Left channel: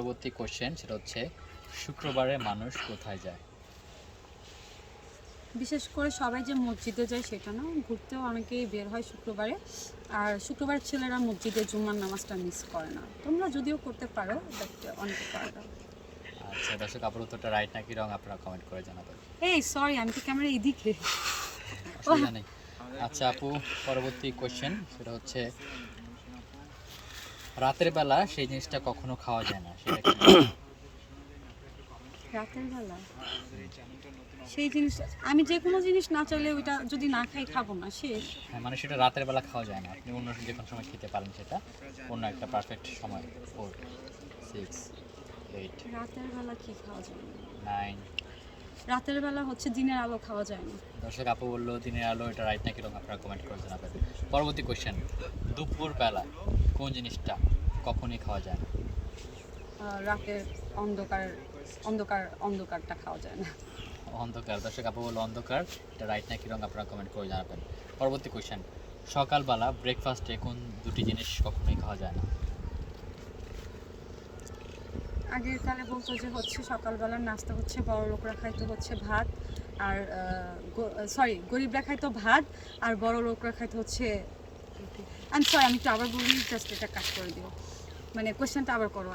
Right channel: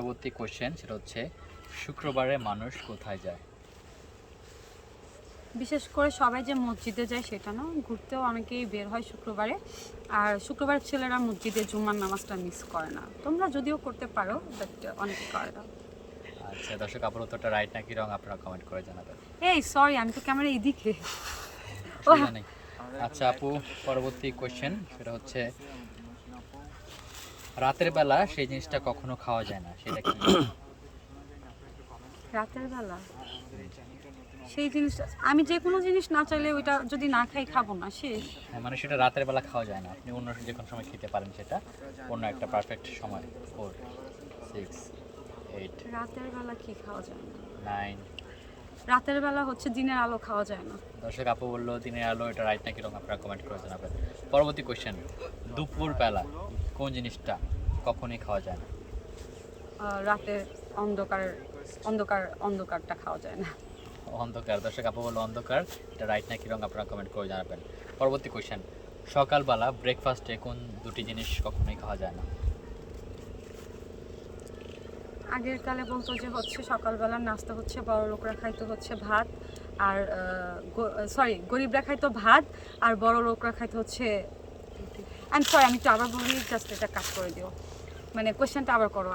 পরবর্তী কোশ্চেন সেটা হচ্ছে শুক্রবারে মানুষ কোথায় যায়? বিশেষ করে সবাই যে মসজিদে যায় সেটা না ঘুরতেও অনেকেই বের হয় শুক্রবারে। আর শুক্রবার ছেলেরা মসজিদে জুম্মার নামাজটা মিস করে না। তোমরা যদিও করতে পারো বাট অনেকে করে না। আচ্ছা দর্শক আপুর উত্তরটা রাইট নাকি রং আপনারা কমেন্ট করে জানাবেন। এই সরি আমি তো ক্যামেরা এদিকে নেই। আচ্ছা আপু পরবর্তী কোশ্চেন সেটা হচ্ছে রাতের বেলা সেই জিনিসটা কখনো খাওয়া যায় না সেটা কি? রাতের বেলা? সেই জিনিস আমি যে কোনো জিনিস না চাইলে ওইটা যদি না খাই খাব না শেষ। হ্যাঁ মানে সেটা রাতের বেলা খাওয়া যায় না। আপনি অন্য যে কোনো সময় খেতে পারেন সেটা। অন্য একটা পারফেক্ট সময় ফোর সিক্স এইট রাতের বেলা কি খাওয়া যায় না? নাইন রাতের বেলা হচ্ছে দিনের আলো খাওয়া যায় না। দর্শক আপু বলল দিনের আলো এটা রাইট নাকি রং আপনারা কমেন্ট করে জানাবেন পরবর্তী কোশ্চেন দুপুর বেলা কোন জিনিসটা কখনোই খাওয়া যায় না। রাতে অন্ধকার অন্ধকার অন্ধকারটা খাওয়া যায় না। অন্ধকার দর্শক আপু বলল অন্ধকার এটা রাইট নাকি রং আপনারা কমেন্ট করে জানাবেন। পরবর্তী কোশ্চেন সকালবেলা ব্রেকফাস্টে কোন দুটি জিনিস কখনোই খাওয়া যায় না? আগের কালে বলতো যে হচ্ছে সকালবেলা নাস্তা হচ্ছে বড় লোকরা খাইতো হচ্ছে ভাত আর সরি গরিবরা খাইতো ভাত আর বড় লোকরা খাইতো হচ্ছে আমি সরি আমি একটু আবার বলি জাস্ট এটা কাট করে দিও। মানে কোয়েশ্চেনটা আবার করো।